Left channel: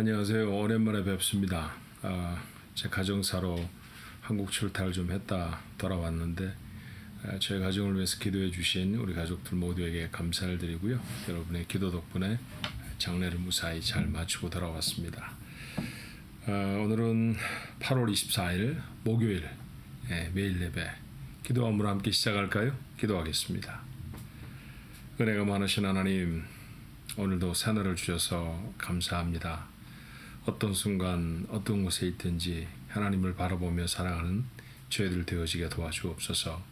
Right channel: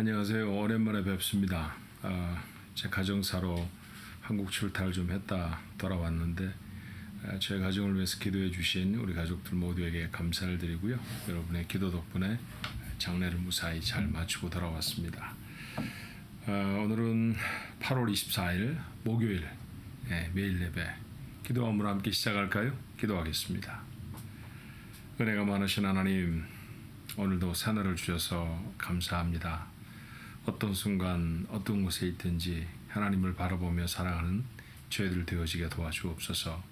안녕하세요. 오랜만에 뵙습니다. 제 가정사로 한국 출타를 좀 했다 돌아왔는데 저희 가정을 위해서 기도해 주신 우리 가족들 모두에게 감사를 드리고요. 여러분의 기도 덕분에 장례를 무사히 잘 마치고 돌아왔습니다. 오늘은 8월 24일 목요일 매일 예배 기도함으로 함께 시작할까요? 기도하겠습니다. 은혜가 많으신 하나님, 오늘도 새날을 주셔서 감사합니다. 어떤 순간 어떤 곳에 있든지 하나님을 바라보며 살아가는 저희들 되어지게 도와주옵소서.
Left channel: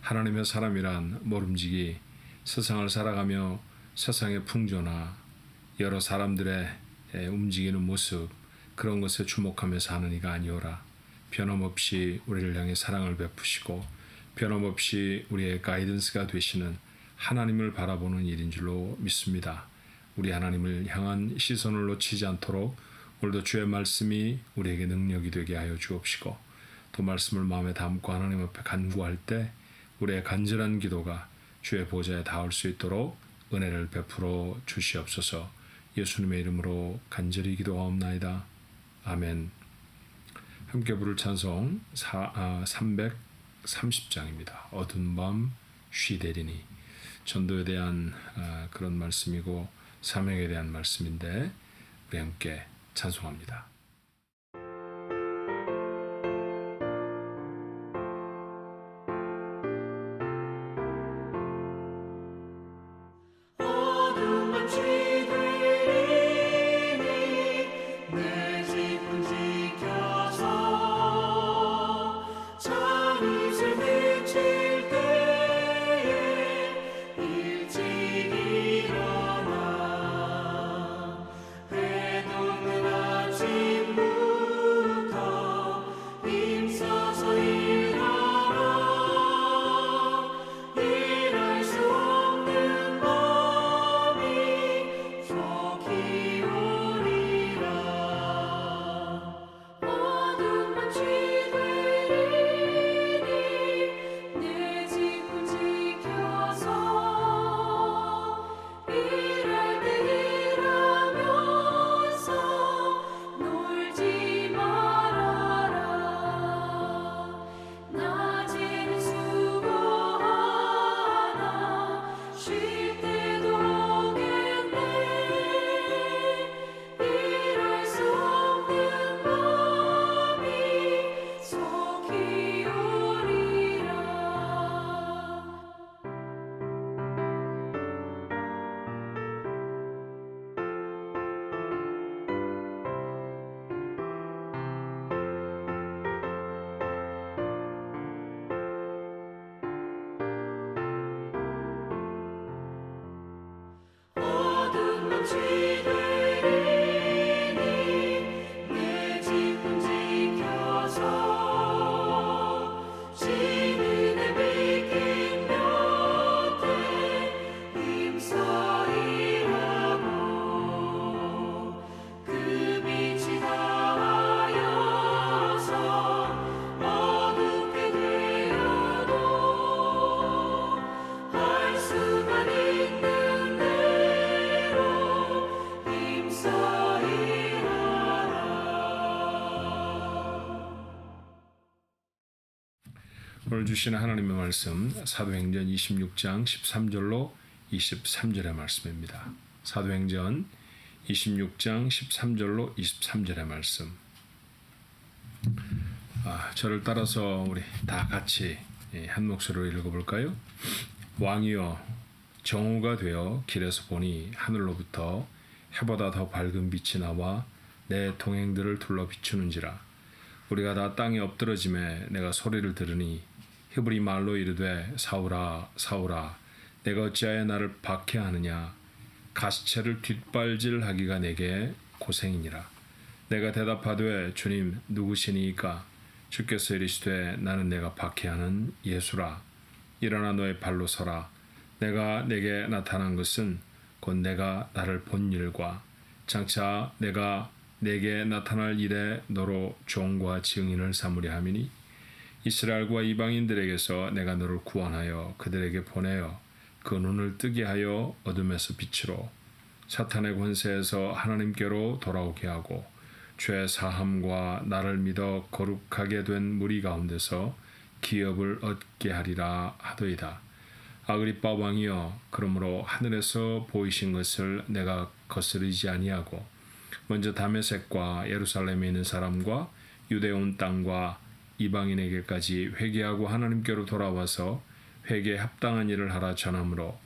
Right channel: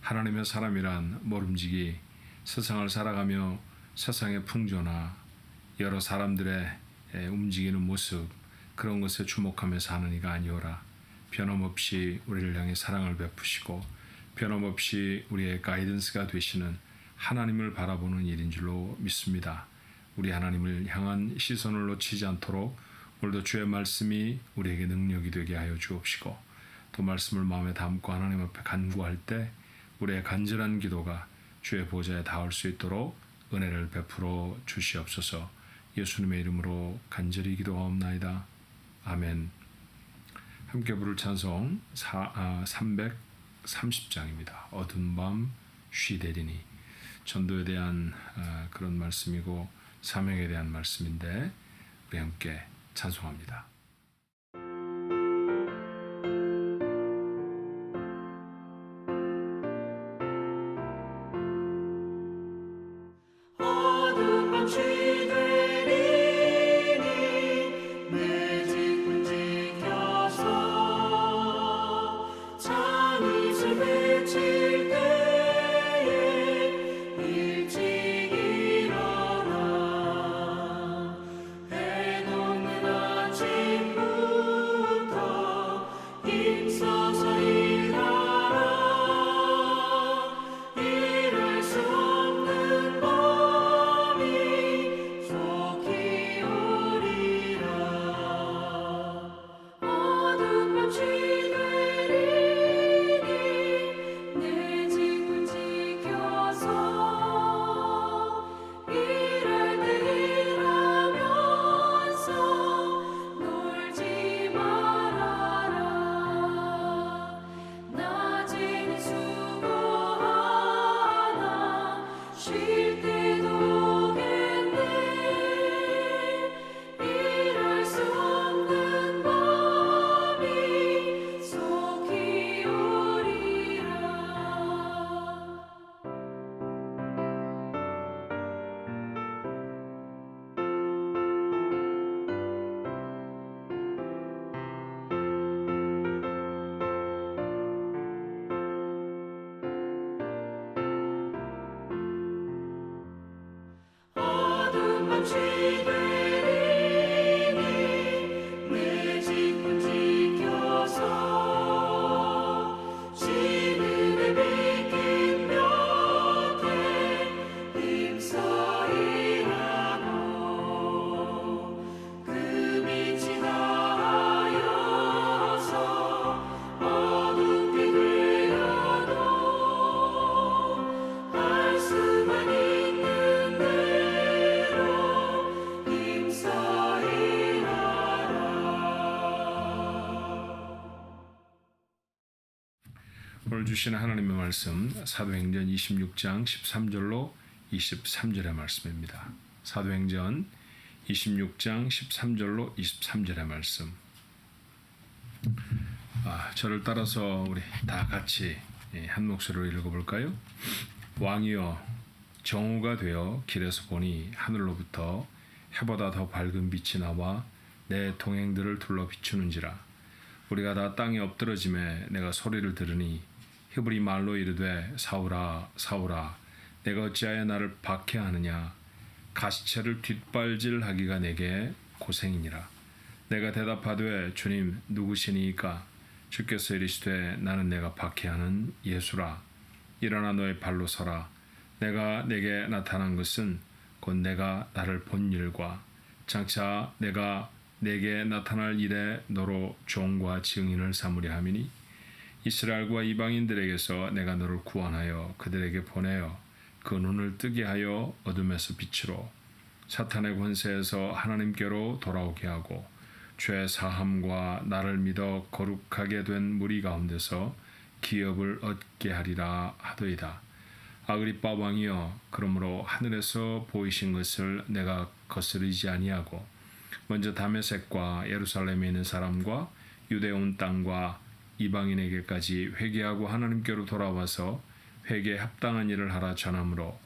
하나님의 사람이란 모름지기 세상을 살아가며 세상의 풍조나 여러 사람들의 움직이는 모습, 그런 것에 주목하며 사는 이가 아니오라. 변함없이 우리를 향해 사랑을 베푸시고 변함없이 우리의 가이던스가 되시는 하나님을 바라보는 일인 줄로 믿습니다. 우리 하나님을 향한 시선을 놓치지 않도록 오늘도 주의 말씀이 우리에게 능력이 되게 하여 주옵시고, 또 말씀을 마음에 담고 하나님 앞에 간구할 때 우리의 간절한 기도가 주의 보좌에 닿을 수 있도록 은혜를 베풀어 주시옵소서. 예수님의 이름으로 간절히 기도하옵나이다. 아멘. 함께 부를 찬송 330장입니다. 어두운 밤 쉬되리니. 전도에 대한 그런 말씀이고 사명에 대한 말씀인데 우리 함께 찬송합니다. 오늘 주시는 하나님의 말씀 사도행전 26장 13절로 23절의 말씀입니다. 사도행전 26장 13절로 23절의 말씀. 저를 따라서 우리 다 같이 한 목소리로 읽어볼까요? 왕이여, 정오가 되어 길에서 보니 하늘로부터 해보다 더 밝은 빛이 나와 내 동행들을 둘러 비추는지라. 우리가 다 땅에 엎드러짐에 내가 소리를 들으니 히브리 말로 이르되 사울아 사울아 내가 어찌하여 나를 박해하느냐. 가시체를 뒷발질하기가 내게 고생이니라. 내가 대답하되 주님 누구시니이까. 주께서 이르시되 나는 내가 박해하는 예수라. 일어나 너의 발로 서라. 내가 내게 나타난 것은 곧 내가 나를 본 일과 장차 내가 내게 나타날 일에 너로 종과 증인을 삼으려 함이니 이스라엘과 이방인들에게서 내가 너를 구원하여 그들에게 보내어 그 눈을 뜨게 하여 어둠에서 빛으로 사탄의 권세에서 하나님께로 돌아오게 하고 죄 사함과 나를 믿어 거룩하게 된 무리 가운데서 기업을 얻게 하리라 하더이다. 아그리빠 왕이여, 그러므로 하늘에서 보이신 것을 내가 거스르지 아니하고 먼저 다메섹과 예루살렘에 있는 사람과 유대 온 땅과 이방인에게까지 회개하고 하나님께로 돌아와서 회개에 합당한 일을 하라 전하므로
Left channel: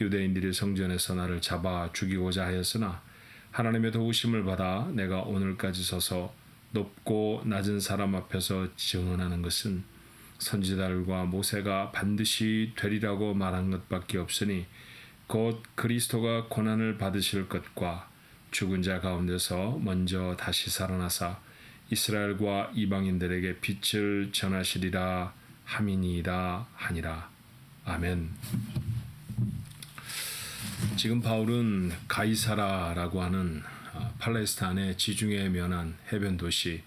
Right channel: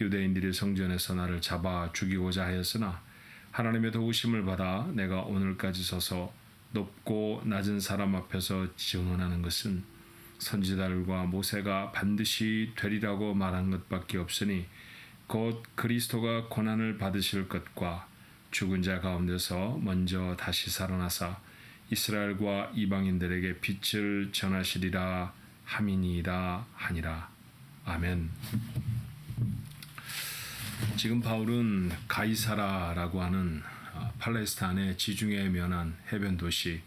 유대인들이 성전에서 나를 잡아 죽이고자 하였으나 하나님의 도우심을 받아 내가 오늘까지 서서 높고 낮은 사람 앞에서 증언하는 것은 선지자들과 모세가 반드시 되리라고 말한 것밖에 없으니 곧 그리스도가 고난을 받으실 것과 죽은 자 가운데서 먼저 다시 살아나사 이스라엘과 이방인들에게 빛을 전하시리라 함이니이다 하니라. 아멘. 지금 바울은 가이사라라고 하는 팔레스타인의 지중해에 면한 해변 도시,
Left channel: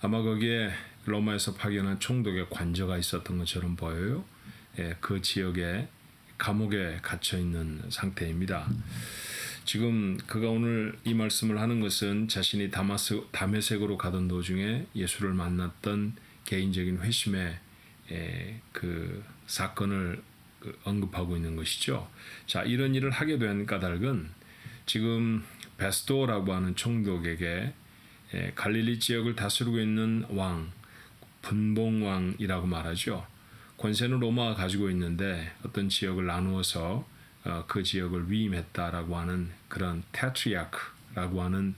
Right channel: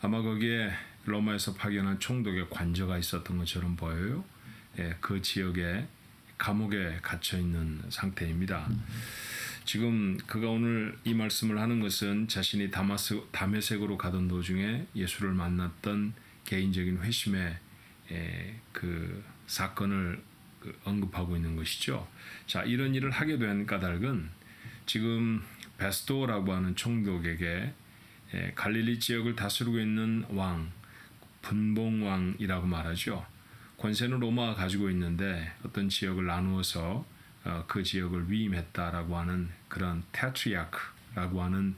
아마 거기에 로마에서 파견한 총독의 관저가 있었던 것처럼 보여요. 그 지역에 감옥에 갇혀 있는 상태입니다. 지금 그가 오늘 이 말씀을 하는 것은 자신이 다메섹으로 가던 도중에 예수를 만났던 개인적인 회심의 그 사건을 언급하고 있는 것이죠. 자, 이런 일을 하게 된 까닭은 지금 베스도라고 하는 총독에게 갈릴리 지역을 다스리고 있는 왕, 분봉왕이라고 말하죠. 권세는 로마가 가지고 있는데 어떤 지역을 나누어서 그 지역을 위임했다라고 하는 그런 테트리아크라고 하는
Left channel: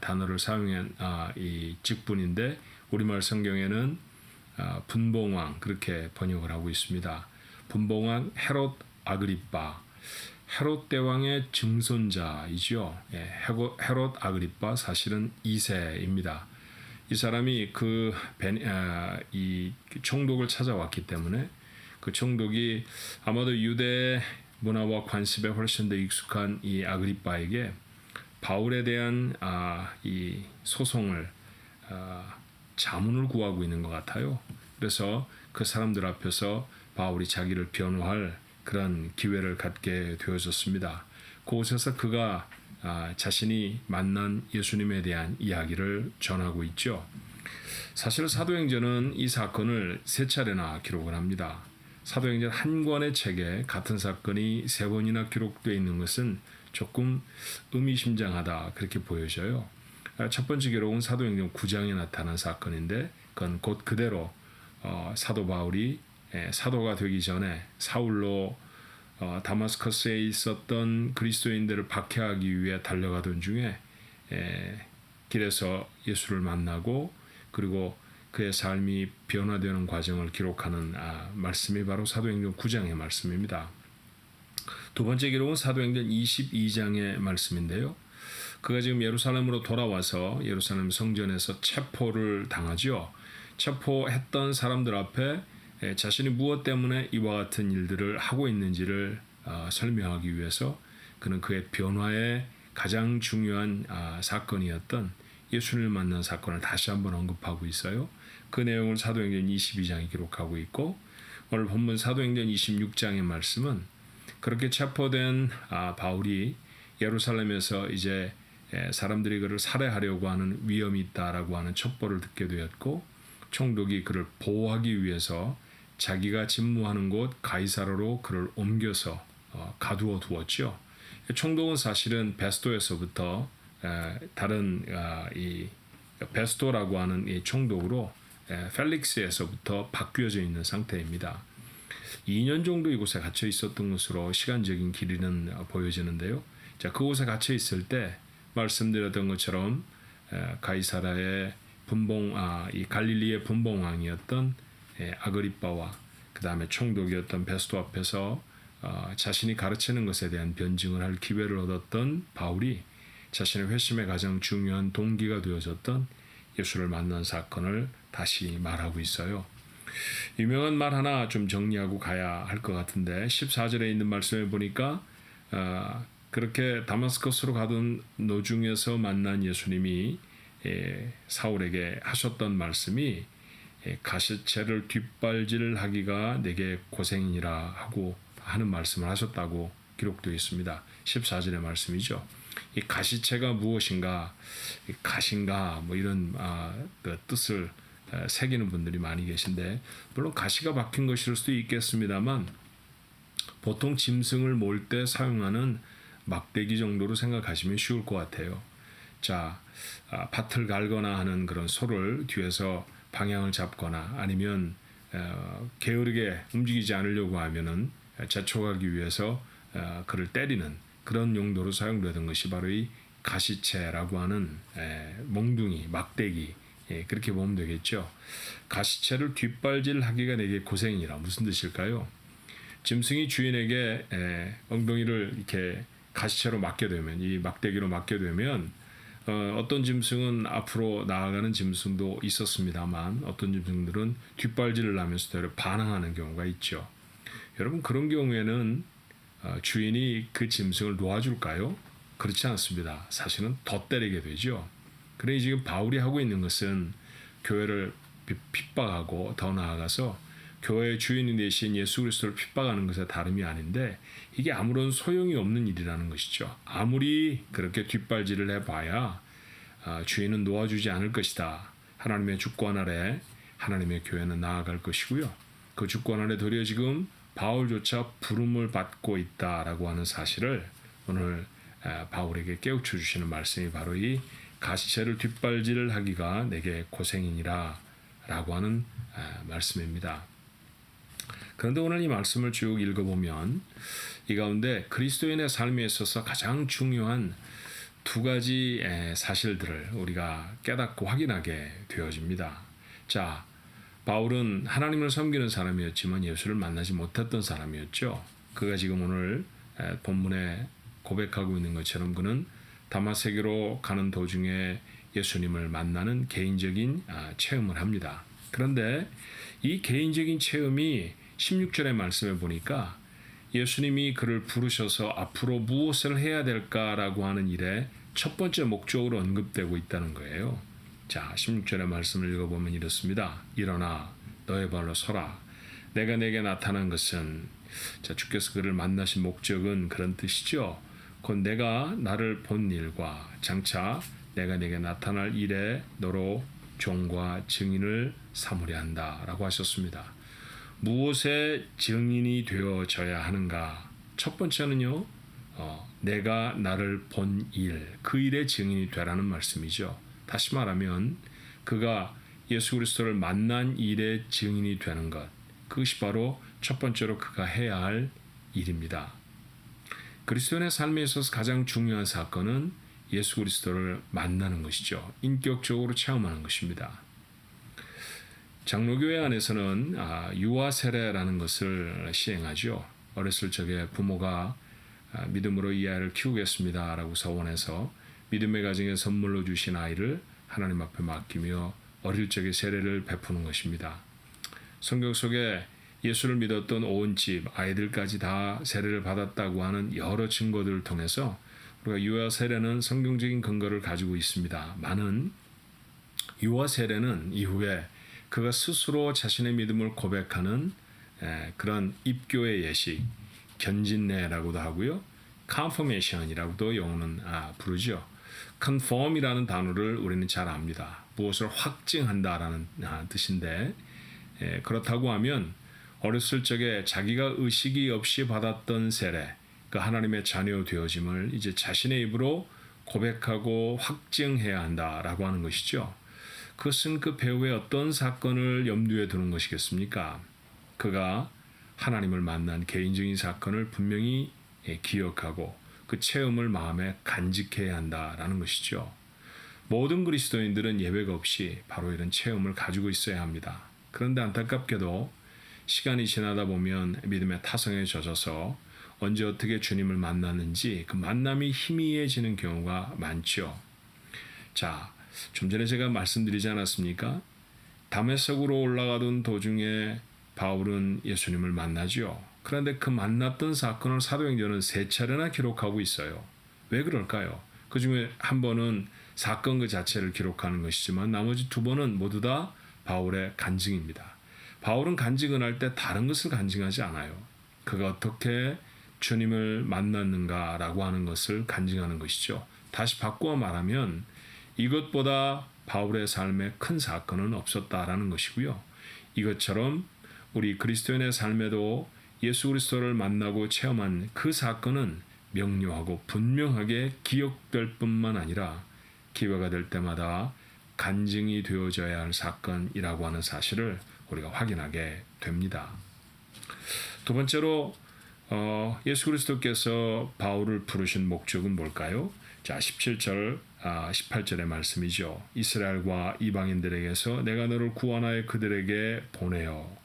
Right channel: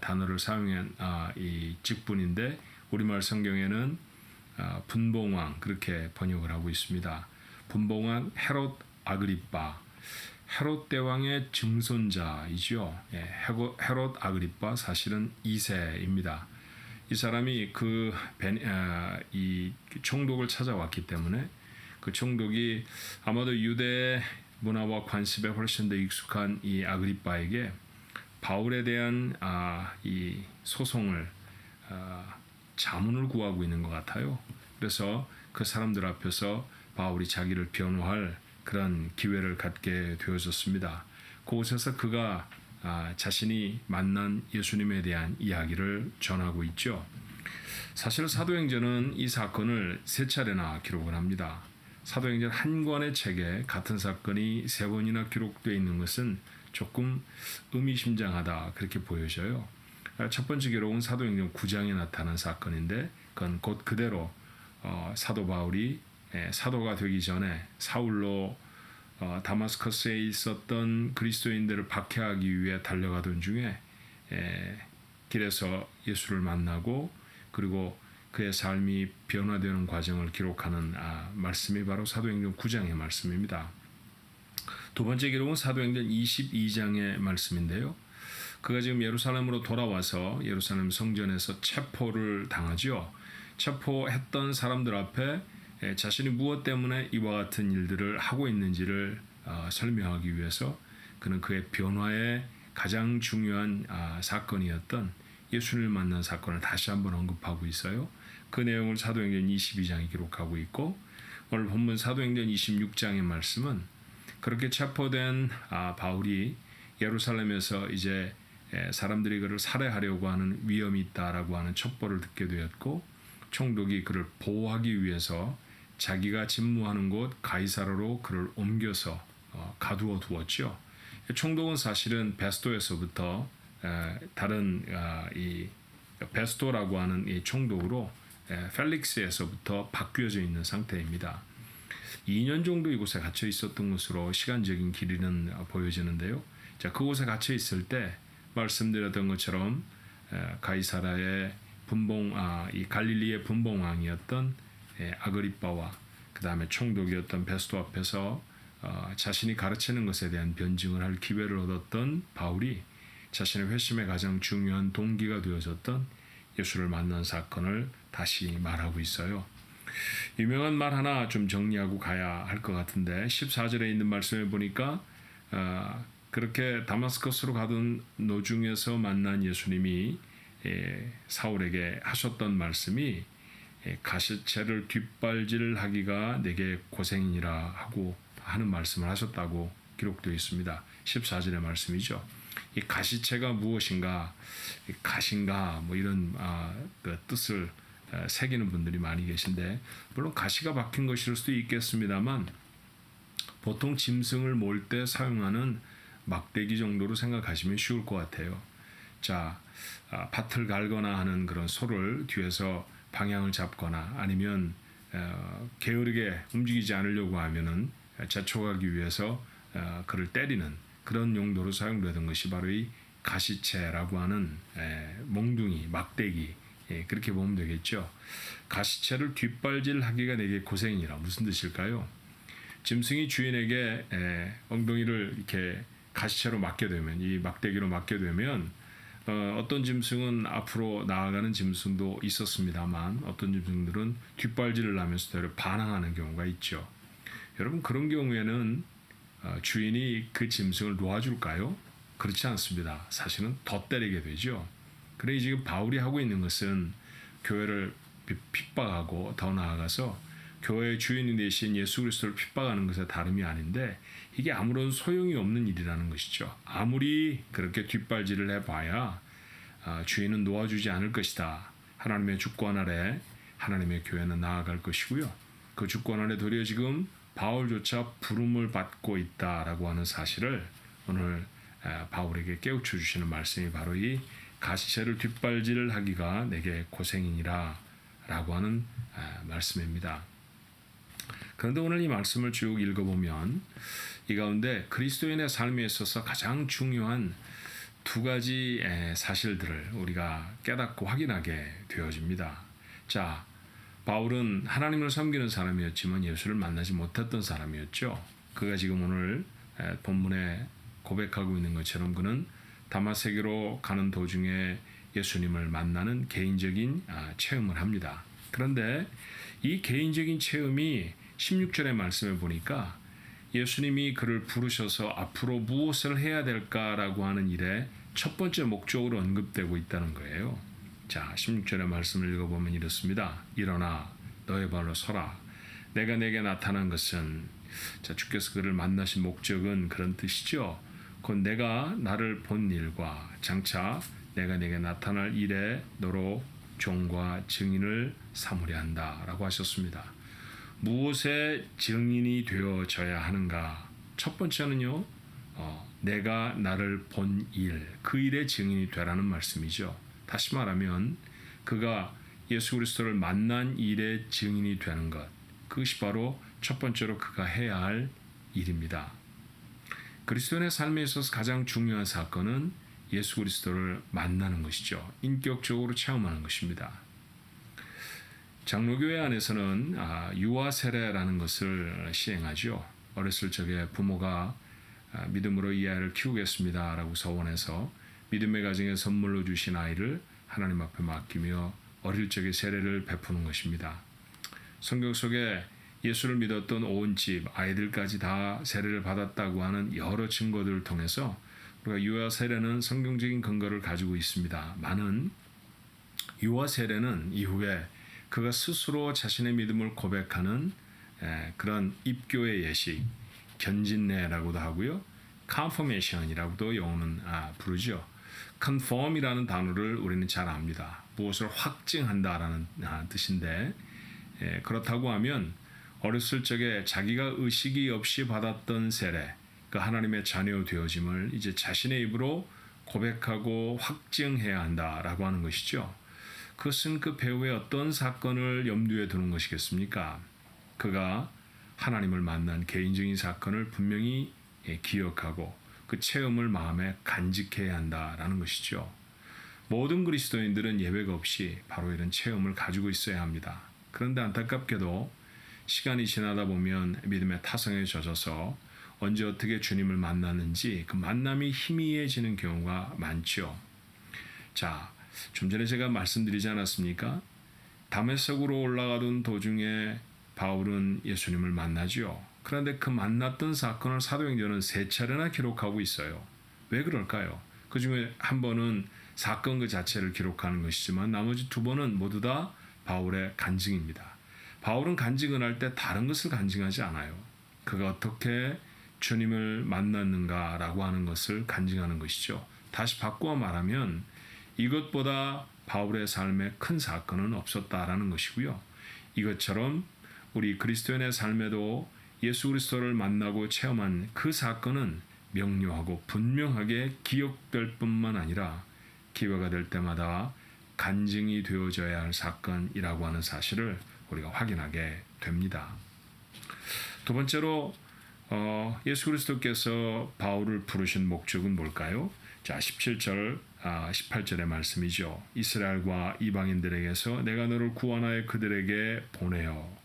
단어를 사용한 이 직분인데 우리말 성경에는 분봉왕 그렇게 번역을 하고 있습니다. 분봉왕 헤롯 아그리빠, 헤롯 대왕의 증손자이죠. 헤롯 아그리빠 사실은 2세입니다. 이 사람이 이 총독을 찾아왔기 때문에 그 총독이 아마도 유대 문화와 관습에 훨씬 더 익숙한 이 아그리빠에게 바울에 대한 이 소송을 자문을 구하고 있는 것 같아요. 그래서 그 사람들 앞에서 바울이 자기를 변호할 그런 기회를 갖게 되어졌습니다. 그곳에서 그가 자신이 만난 예수님에 대한 이야기를 전하고 있죠. 사실 사도행전은 이 사건을 3차례나 기록을 합니다. 사도행전 한 권의 책에 같은 사건이 3번이나 기록되어 있는 것은 조금 의미심장하다 그렇게 보여져요. 첫 번째 기록은 사도행전 9장에 나타난 사건인데 그건 곧 그대로 사도 바울이 사도가 되기 전에 사울로 다마스커스에 있었던 그리스도인들을 박해하기 위해 달려가던 중에 길에서 예수를 만나고 그리고 그의 삶이 변화되는 과정을 기록하는 말씀이 바로 사도행전 9장의 말씀입니다. 두 번째 기록은 사도행전 22장의 말씀인데요. 그가 지금 예루살렘으로 돌아와서 예루살렘 성전에서 체포를 당하죠. 체포했던 사람들 앞에 자신이 무엇 때문에 이와 같은 일들을 하고 있는지를 설명하기 위해서 그는 그의 변화의 가장 중요한 사건이었던 예수님을 만난 사건을 다시 한번 언급하고 있어요. 그 내용을 사도행전 22장이 기록하고 있고 오늘 본문 사도행전 26장의 말씀은 그렇게 체포된 바울이 예루살렘에서 이제 사람들이 그를 살해하려고 하는 위험이 있다라고 하는 첩보를 듣게 되었고 총독이 그를 보호하기 위해서 자기가 집무하는 곳 가이사라로 그를 옮겨서 가두어 두었죠. 총독은 사실은 베스도에서부터 다른 이 베스도라고 하는 이 총독으로 펠릭스에서부터 바뀌어져 있는 상태입니다. 2년 정도 이곳에 갇혀 있었던 것으로 시간적인 길이는 보여지는데요. 자, 그곳에 갇혀 있을 때 말씀드렸던 것처럼 가이사라의 이 갈릴리의 분봉왕이었던 아그리빠와 그 다음에 총독이었던 베스도 앞에서 자신이 가르치는 것에 대한 변증을 할 기회를 얻었던 바울이 자신의 회심의 가장 중요한 동기가 되어졌던 예수를 만난 사건을 다시 말하고 있어요. 유명한 말 하나 좀 정리하고 가야 할 것 같은데 14절에 있는 말씀을 보니까 그렇게 다마스커스로 가던 노중에서 만난 예수님이 사울에게 하셨던 말씀이 가시체를 뒷발질하기가 내게 고생이니라 하고 하는 말씀을 하셨다고 기록되어 있습니다. 14절의 말씀이죠. 이 가시체가 무엇인가, 가신가 뭐 이런 그 뜻을 새기는 분들이 많이 계신데, 물론 가시가 박힌 것일 수도 있겠습니다만 보통 짐승을 몰 때 사용하는 막대기 정도로 생각하시면 쉬울 것 같아요. 자, 밭을 갈거나 하는 그런 소를 뒤에서 방향을 잡거나 아니면 게으르게 움직이지 않으려고 하면은 재촉하기 위해서 그를 때리는 그런 용도로 사용되던 것이 바로 이 가시체라고 하는 몽둥이, 막대기, 그렇게 보면 되겠죠. 가시체를 뒷발질하기가 내게 고생이라 무슨 뜻일까요? 짐승이 주인에게 엉덩이를 이렇게 가시체로 맞게 되면, 이 막대기로 맞게 되면 어떤 짐승은 앞으로 나아가는 짐승도 있었습니다만 어떤 짐승들은 뒷발질을 하면서 되려 반항하는 경우가 있죠. 여러분, 그런 경우에는 주인이 그 짐승을 놓아줄까요? 그렇지 않습니다. 사실은 더 때리게 되죠. 그러니 지금 바울이 하고 있는 것은 교회를 핍박하고 더 나아가서 교회의 주인이 되신 예수 그리스도를 핍박하는 것에 다름이 아닌데, 이게 아무런 소용이 없는 일이라는 것이죠. 아무리 그렇게 뒷발질을 해봐야 주인은 놓아주지 않을 것이다. 하나님의 주권 아래 하나님의 교회는 나아갈 것이고요. 그 주권 아래 도리어 지금 바울조차 부름을 받고 있다라고 하는 사실을 오늘 바울에게 깨우쳐 주시는 말씀이 바로 이 가시체를 뒷발질을 하기가 내게 고생이니라 라고 하는 말씀입니다. 그런데 오늘 이 말씀을 쭉 읽어보면 이 가운데 그리스도인의 삶에 있어서 가장 중요한 두 가지 사실들을 우리가 깨닫고 확인하게 되어집니다. 자, 바울은 하나님을 섬기는 사람이었지만 예수를 만나지 못했던 사람이었죠. 그가 지금 오늘 본문에 고백하고 있는 것처럼 그는 다마스에게로 가는 도중에 예수님을 만나는 개인적인 체험을 합니다. 그런데 이 개인적인 체험이 16절의 말씀에 보니까 예수님이 그를 부르셔서 앞으로 무엇을 해야 될까라고 하는 일에 첫 번째 목적으로 언급되고 있다는 거예요. 자, 16절의 말씀을 읽어보면 이렇습니다. 일어나 너의 발로 서라. 내가 내게 나타난 것은, 자, 주께서 그를 만나신 목적은 그런 뜻이죠. 곧 내가 나를 본 일과 장차 내가 내게 나타날 일에 너로 종과 증인을 삼으려 한다라고 하셨습니다. 무엇의 증인이 되어져야 하는가? 첫 번째는요, 내가 나를 본 일, 그 일의 증인이 되라는 말씀이죠. 다시 말하면 그가 예수 그리스도를 만난 일의 증인이 되는 것, 그것이 바로 첫 번째로 그가 해야 할 일입니다. 그리스도인의 삶에 있어서 가장 중요한 사건은 예수 그리스도를 만나는 것이죠. 인격적으로 체험하는 것입니다. 장로교회 안에서는 유아 세례라는 것을 시행하죠. 어렸을 적에 부모가 믿음으로 이 아이를 키우겠습니다라고 서원해서 믿음의 가정에 선물로 주신 아이를 하나님 앞에 맡기며 어릴 적에 세례를 베푸는 것입니다. 성경 속에 예수를 믿었던 온 집, 아이들까지 다 세례를 받았다고 하는 여러 증거들을 통해서 우리가 유아 세례는 성경적인 근거를 가지고 있습니다. 많은 유아 세례는 이후에 그가 스스로 자신의 믿음을 고백하는 그런 입교의 예식, 견진례라고도 하고요. confirmation이라고도 영어는 부르죠. conform이라는 단어를 우리는 잘 압니다. 무엇을 확증한다라는 뜻인데, 그렇다고 하면 어렸을 적에 자기가 의식이 없이 받았던 세례, 그 하나님의 자녀 되어짐을 이제 자신의 입으로 고백하고 확증해야 한다라고 하는 것이죠. 그것은 그 배우의 어떤 사건을 염두에 두는 것이겠습니까? 그가 하나님을 만난 개인적인 사건을 분명히 기억하고 그 체험을 마음에 간직해야 한다라는 것이죠. 모든 그리스도인들은 예외가 없이 바로 이런 체험을 가지고 있어야 합니다. 그런데 안타깝게도 시간이 지나다 보면 믿음의 타성에 젖어서 언제 어떻게 주님을 만났는지 그 만남이 희미해지는 경우가 많죠. 자, 좀 전에 제가 말씀드리지 않았습니까? 다메섹으로 올라가던 도중에 바울은 예수님을 만나죠. 그런데 그 만났던 사건을 사도행전은 3차례나 기록하고 있어요. 왜 그럴까요? 그 중에 한 번은 사건 그 자체를 기록하는 것이지만 나머지 2번은 모두 다 바울의 간증입니다. 바울은 간증을 할 때 다른 것을 간증하지 않아요. 그가 어떻게 주님을 만났는가라고 하는 것을 간증하는 것이죠. 다시 바꾸어 말하면 이것보다 바울의 삶에 큰 사건은 없었다라는 것이고요. 이것처럼 우리 그리스도인의 삶에도 예수 그리스도를 만나고 체험한 그 사건은 명료하고 분명하게 기억될 뿐만 아니라 기회가 될 때마다 간증이 되어져야 할 사건이라고 하는 사실을 우리가 확인하게 됩니다. 두 번째로 예수 그리스도께서 바울을 부르신 목적은 뭘까요? 자, 17절, 18절의 말씀이죠. 이스라엘과 이방인들에게서 내가 너를 구원하여 그들에게 보내어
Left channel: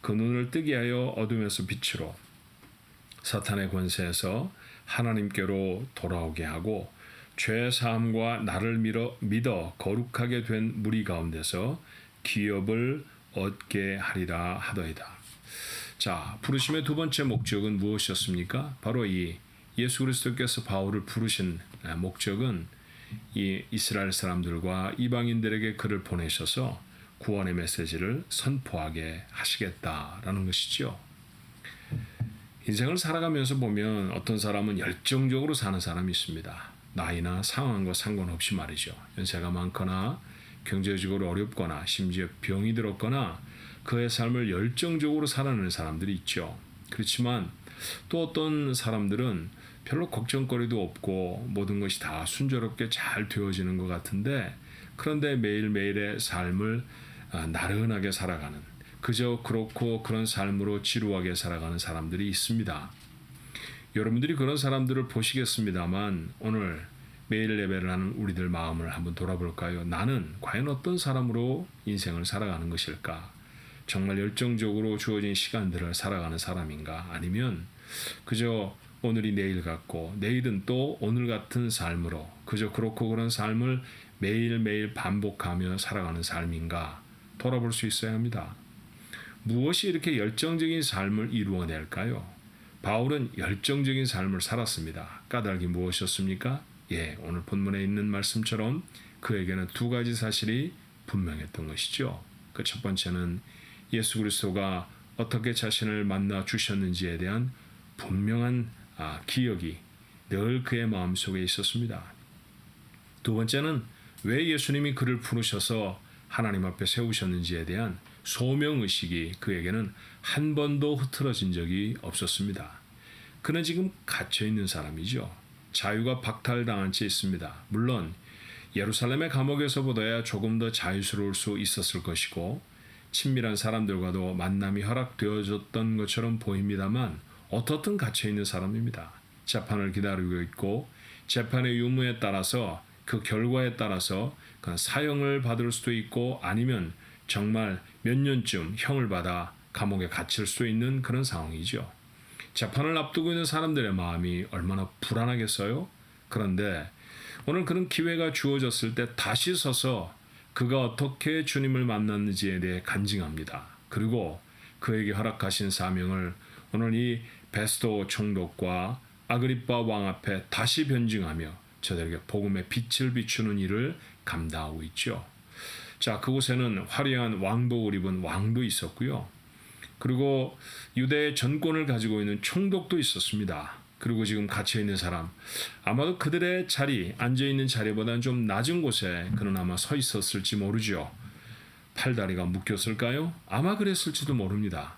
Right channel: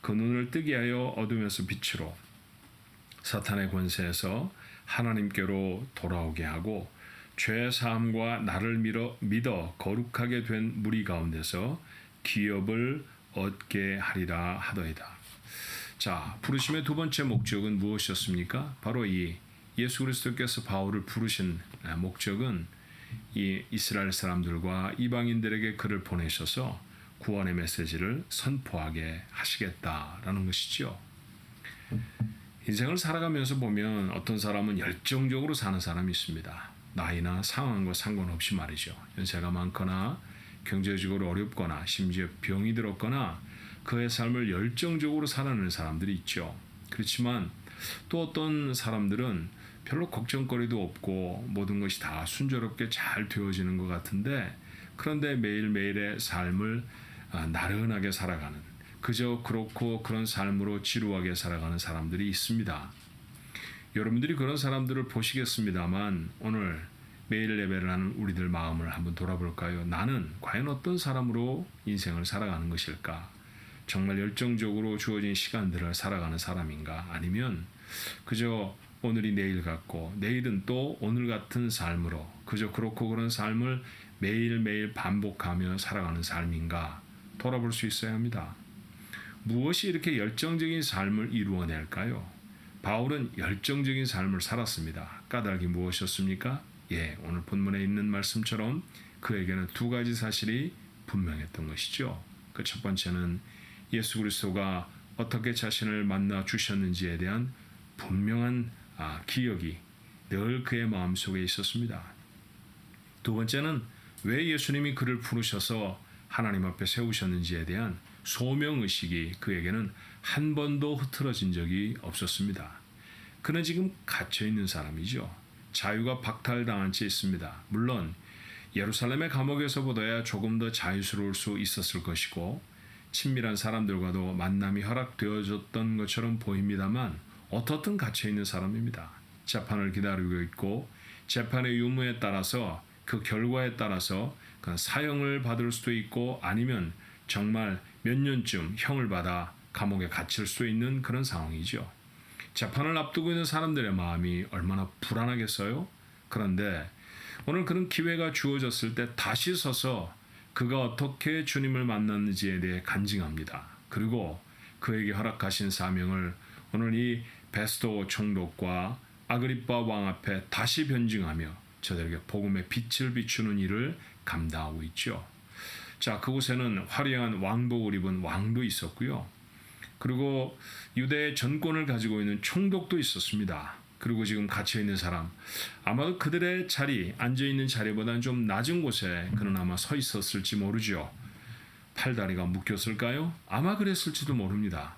그 눈을 뜨게 하여 어둠에서 빛으로 사탄의 권세에서 하나님께로 돌아오게 하고 죄 사함과 나를 믿어 거룩하게 된 무리 가운데서 기업을 얻게 하리라 하더이다. 자, 부르심의 두 번째 목적은 무엇이었습니까? 바로 이 예수 그리스도께서 바울을 부르신 목적은 이 이스라엘 사람들과 이방인들에게 그를 보내셔서 구원의 메시지를 선포하게 하시겠다라는 것이죠. 인생을 살아가면서 보면 어떤 사람은 열정적으로 사는 사람이 있습니다. 나이나 상황과 상관없이 말이죠. 연세가 많거나 경제적으로 어렵거나 심지어 병이 들었거나 그의 삶을 열정적으로 살아내는 사람들이 있죠. 그렇지만 또 어떤 사람들은 별로 걱정거리도 없고 모든 것이 다 순조롭게 잘 되어지는 것 같은데 그런데 매일매일의 삶을 나른하게 살아가는 그저 그렇고 그런 삶으로 지루하게 살아가는 사람들이 있습니다. 여러분들이 그런 사람들을 보시겠습니다만 오늘 매일 예배를 하는 우리들 마음을 한번 돌아볼까요? 나는 과연 어떤 사람으로 인생을 살아가는 것일까? 정말 열정적으로 주어진 시간들을 살아가는 사람인가? 아니면 그저 오늘이 내일 같고 내일은 또 오늘 같은 삶으로 그저 그렇고 그런 삶을 매일매일 반복하며 살아가는 삶인가? 돌아볼 수 있어야 합니다. 무엇이 이렇게 열정적인 삶을 이루어낼까요? 바울은 열정적인 삶을 살았습니다. 까닭이 무엇이었습니까? 오늘 본문에 있는 말씀처럼 그에게는 두 가지 사실이 분명했던 것이죠. 그 첫 번째는 예수 그리스도가 어떻게 자신을 만나 주셨는지에 대한 분명한 기억이 늘 그의 마음속에 있었습니다. 두 번째는 왜 예수님이 그를 부르셔서 하나님 앞에 세우셨는지에 대한 소명의식이 그에게는 한 번도 흐트러진 적이 없었습니다. 그는 지금 갇혀있는 사람이죠. 자유가 박탈당한 채 있습니다. 물론 예루살렘의 감옥에서보다야 조금 더 자유스러울 수 있었을 것이고 친밀한 사람들과도 만남이 허락되어졌던 것처럼 보입니다만 어떻든 갇혀있는 사람입니다. 재판을 기다리고 있고 재판의 유무에 따라서 그 결과에 따라서 사형을 받을 수도 있고 아니면 정말 몇 년쯤 형을 받아 감옥에 갇힐 수 있는 그런 상황이죠. 재판을 앞두고 있는 사람들의 마음이 얼마나 불안하겠어요? 그런데 오늘 그런 기회가 주어졌을 때 다시 서서 그가 어떻게 주님을 만났는지에 대해 간증합니다. 그리고 그에게 허락하신 사명을 오늘 이 베스도 총독과 아그리빠 왕 앞에 다시 변증하며 저들에게 복음의 빛을 비추는 일을 감당하고 있죠. 자, 그곳에는 화려한 왕복을 입은 왕도 있었고요. 그리고 유대의 전권을 가지고 있는 총독도 있었습니다. 그리고 지금 갇혀있는 사람, 아마도 그들의 자리, 앉아있는 자리보다는 좀 낮은 곳에 그는 아마 서 있었을지 모르죠. 팔다리가 묶였을까요? 아마 그랬을지도 모릅니다.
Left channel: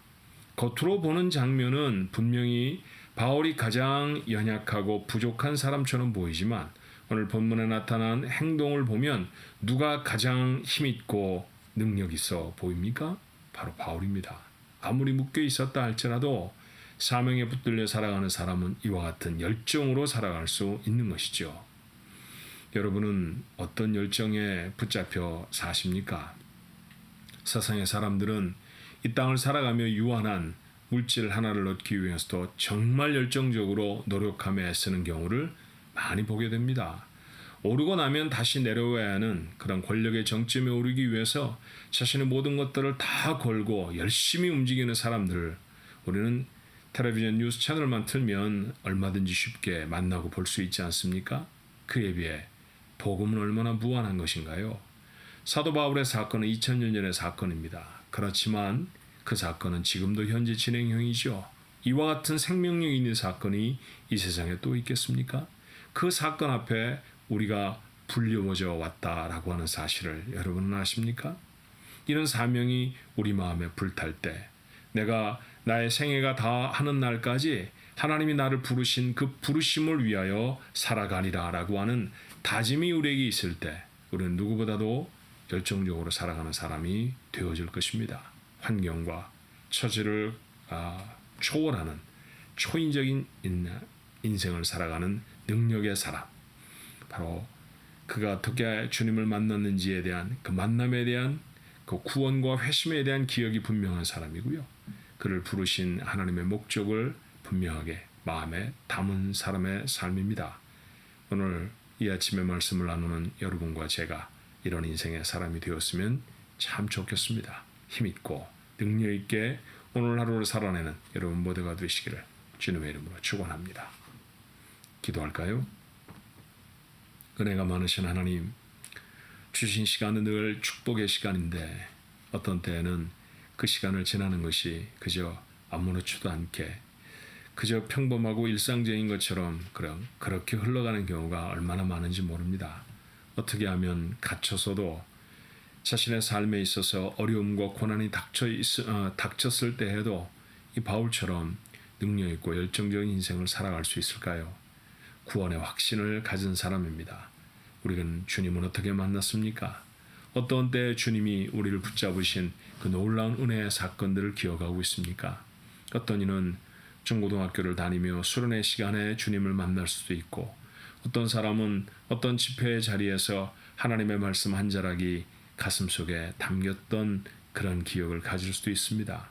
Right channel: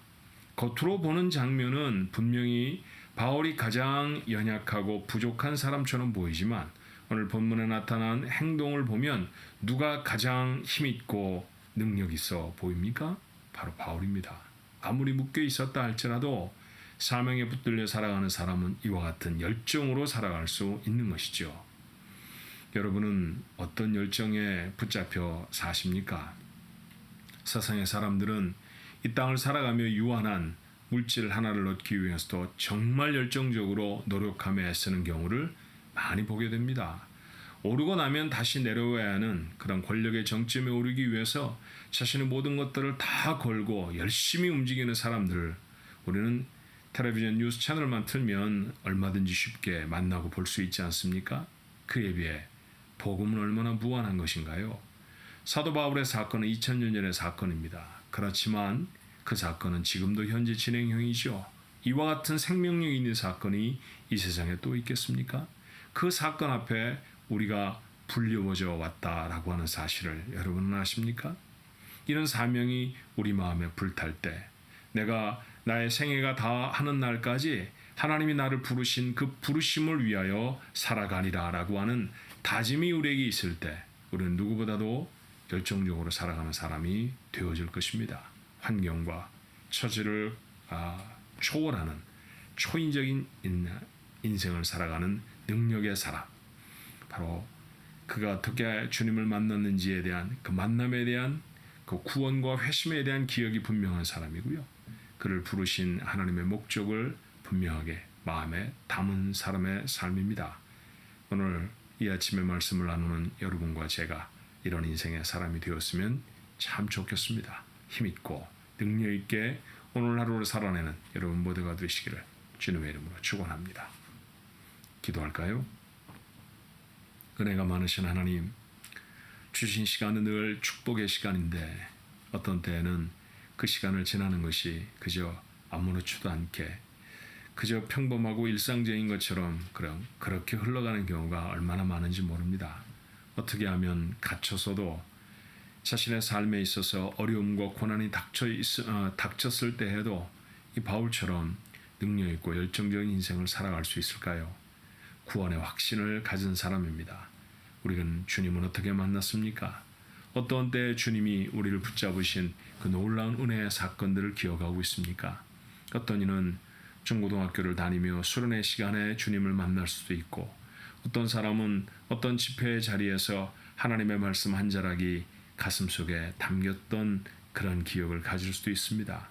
겉으로 보는 장면은 분명히 바울이 가장 연약하고 부족한 사람처럼 보이지만 오늘 본문에 나타난 행동을 보면 누가 가장 힘있고 능력 있어 보입니까? 바로 바울입니다. 아무리 묶여 있었다 할지라도 사명에 붙들려 살아가는 사람은 이와 같은 열정으로 살아갈 수 있는 것이죠. 여러분은 어떤 열정에 붙잡혀 사십니까? 세상의 사람들은 이 땅을 살아가며 유한한 물질 하나를 얻기 위해서도 정말 열정적으로 노력하며 애쓰는 경우를 많이 보게 됩니다. 오르고 나면 다시 내려와야 하는 그런 권력의 정점에 오르기 위해서 자신의 모든 것들을 다 걸고 열심히 움직이는 사람들을 우리는 텔레비전 뉴스 채널만 틀면 얼마든지 쉽게 만나고 볼 수 있지 않습니까? 그에 비해 복음은 얼마나 무한한 것인가요? 사도 바울의 사건은 2000년 전의 사건입니다. 그렇지만 그 사건은 지금도 현재 진행형이죠. 이와 같은 생명력 있는 사건이 이 세상에 또 있겠습니까? 그 사건 앞에 우리가 불려워져 왔다라고 하는 사실을 여러분은 아십니까? 이런 사명이 우리 마음에 불탈 때 내가 나의 생애가 다 하는 날까지 하나님이 나를 부르신 그 부르심을 위하여 살아가리라 라고 하는 다짐이 우리에게 있을 때 우리는 누구보다도 열정적으로 살아가는 사람이 되어질 것입니다. 환경과 처지를 초월하는 초인적인 인생을 살아가는 능력의 사람, 바로 그가 어떻게 주님을 만났는지에 대한 그 만남에 대한 그 구원과 회심에 대한 기억이 분명한 사람이고요. 그를 부르신 하나님의 목적을 분명하게 마음에 담은 사람의 삶입니다. 오늘 이 아침에 말씀을 나누는 여러분과 제가 이런 인생의 사람이 되었으면 참 좋겠습니다. 힘있고 능력있게 오늘 하루를 살아내는 여러분 모두가 되시기를 주님의 이름으로 축원합니다. 기도할까요? 은혜가 많으신 하나님, 주신 시간은 늘 축복의 시간인데 어떤 때에는 그 시간을 지나는 것이 그저 아무렇지도 않게 그저 평범하고 일상적인 것처럼 그렇게 흘러가는 경우가 얼마나 많은지 모릅니다. 어떻게 하면 갇혀서도 자신의 삶에 있어서 어려움과 고난이 닥쳤을 때에도 이 바울처럼 능력 있고 열정적인 인생을 살아갈 수 있을까요? 구원의 확신을 가진 사람입니다. 우리는 주님은 어떻게 만났습니까? 어떤 때 주님이 우리를 붙잡으신 그 놀라운 은혜의 사건들을 기억하고 있습니까? 어떤 이는 중고등학교를 다니며 수련회 시간에 주님을 만날 수도 있고, 어떤 사람은 어떤 집회의 자리에서 하나님의 말씀 한 자락이 가슴속에 담겼던 그런 기억을 가질 수도 있습니다.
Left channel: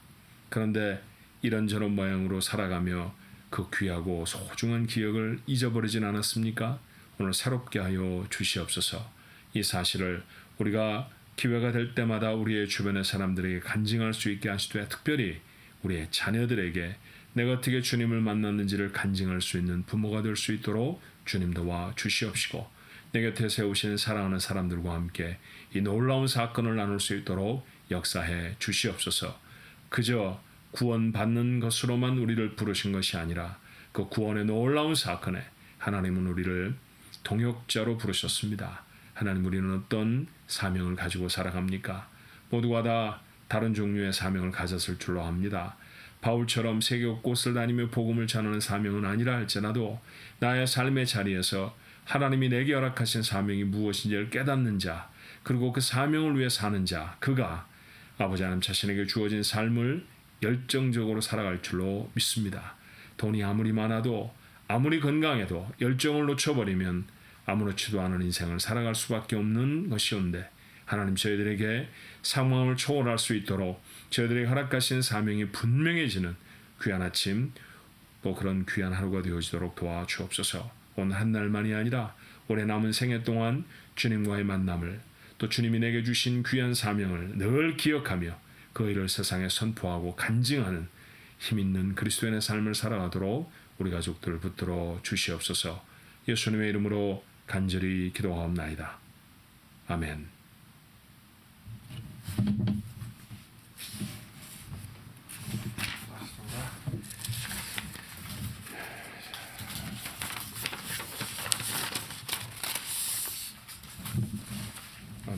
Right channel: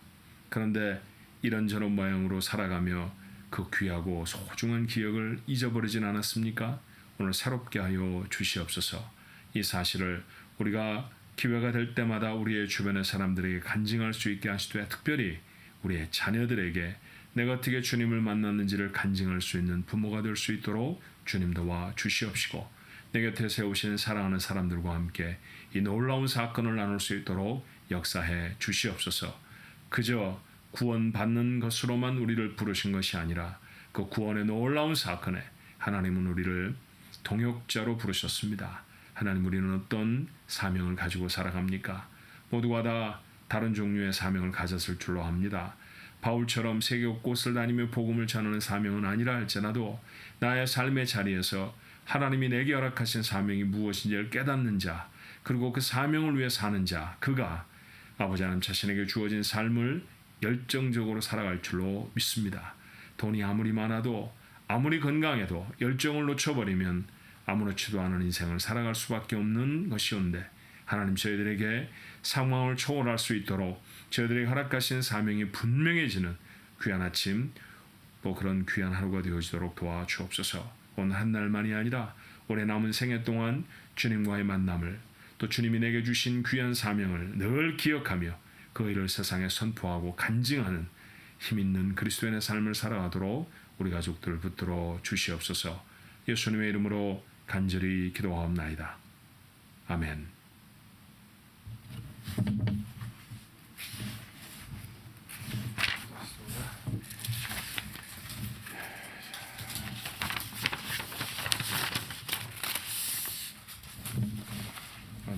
그런데 이런저런 모양으로 살아가며 그 귀하고 소중한 기억을 잊어버리진 않았습니까? 오늘 새롭게 하여 주시옵소서. 이 사실을 우리가 기회가 될 때마다 우리의 주변의 사람들에게 간증할 수 있게 하시되, 특별히 우리의 자녀들에게 내가 어떻게 주님을 만났는지를 간증할 수 있는 부모가 될 수 있도록 주님 도와 주시옵시고, 내 곁에 세우신 사랑하는 사람들과 함께 이 놀라운 사건을 나눌 수 있도록 역사해 주시옵소서. 그저 구원받는 것으로만 우리를 부르신 것이 아니라 그 구원의 놀라운 사건에 하나님은 우리를 동역자로 부르셨습니다. 하나님, 우리는 어떤 사명을 가지고 살아갑니까? 모두가 다 다른 종류의 사명을 가졌을 줄로 압니다. 바울처럼 세계 곳곳을 다니며 복음을 전하는 사명은 아니라 할지라도 나의 삶의 자리에서 하나님이 내게 허락하신 사명이 무엇인지를 깨닫는 자, 그리고 그 사명을 위해 사는 자, 그가 아버지 하나님 자신에게 주어진 삶을 열정적으로 살아갈 줄로 믿습니다. 돈이 아무리 많아도 아무리 건강해도 열정을 놓쳐버리면 아무렇지도 않은 인생을 살아갈 수밖에 없는 것이온데, 하나님 저희들에게 상황을 초월할 수 있도록 저희들에게 허락하신 사명이 분명해지는 귀한 아침, 또 그런 귀한 하루가 되어지도록 도와주옵소서. 오늘 한 날만이 아니라 올해 남은 생애 동안 주님과의 만남을, 또 주님이 내게 주신 귀한 사명을 늘 기억하며 그 일을 세상에 선포하고 간증하는 힘있는 그리스도인의 삶을 살아가도록 우리 가족들을 붙들어 주시옵소서. 예수님의 이름으로 간절히 기도하옵나이다. 아멘.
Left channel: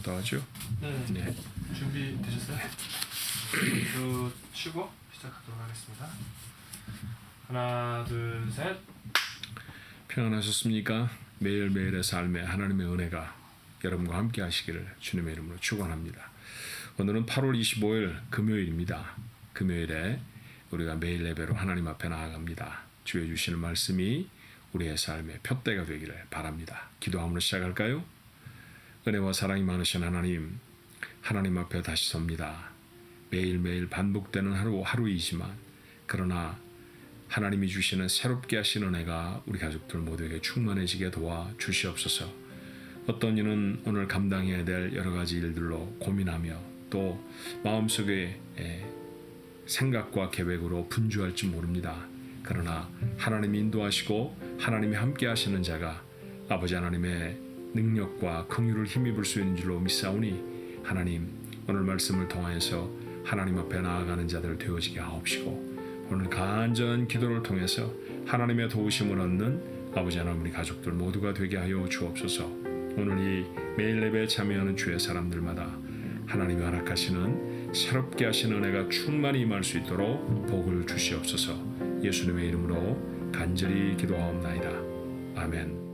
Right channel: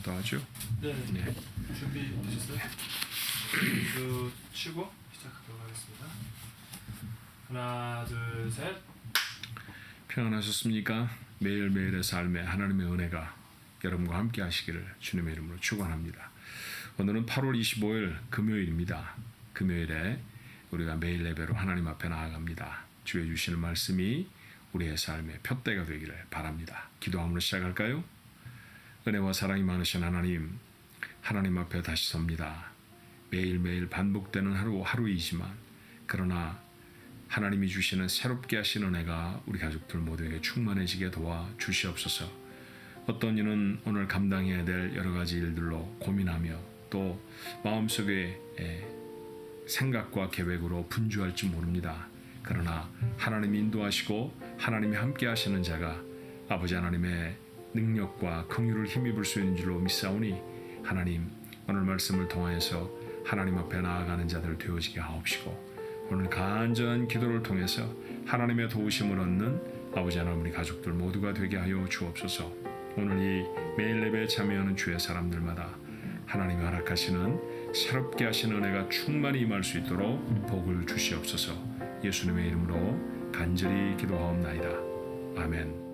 더 하죠? 네. 준비되셨어요? 치고 시작하도록 하겠습니다. 하나, 둘, 셋. 평안하셨습니까? 매일매일의 삶에 하나님의 은혜가 여러분과 함께 하시기를 주님의 이름으로 축원합니다. 오늘은 8월 25일 금요일입니다. 금요일에 우리가 매일 예배로 하나님 앞에 나아갑니다. 주의 주시는 말씀이 우리의 삶의 표대가 되기를 바랍니다. 기도함으로 시작할까요? 은혜와 사랑이 많으신 하나님 앞에 다시 섭니다. 매일매일 반복되는 하루이지만 그러나 하나님이 주시는 새롭게 하신 은혜가 우리 가족들 모두에게 충만해지게 도와 주시옵소서. 어떤 이는 오늘 감당해야 될 여러 가지 일들로 고민하며 또 마음속에 생각과 계획으로 분주할지 모릅니다. 그러나 하나님이 인도하시고 하나님이 함께 하시는 자가 아버지 하나님의 능력과 긍휼을 힘입을 수 있는 줄로 믿사오니, 하나님 오늘 말씀을 통하여서 하나님 앞에 나아가는 자들 되어지게 하옵시고, 오늘 간절한 기도를 통해서 하나님의 도우심을 얻는 아버지 하나님 우리 가족들 모두가 되게 하여 주옵소서. 오늘 이 매일 예배에 참여하는 주의 사람들마다 하나님이 허락하시는 새롭게 하시는 은혜가 충만히 임할 수 있도록 복을 주시옵소서. 예수님의 이름으로 간절히 기도하옵나이다. 아멘.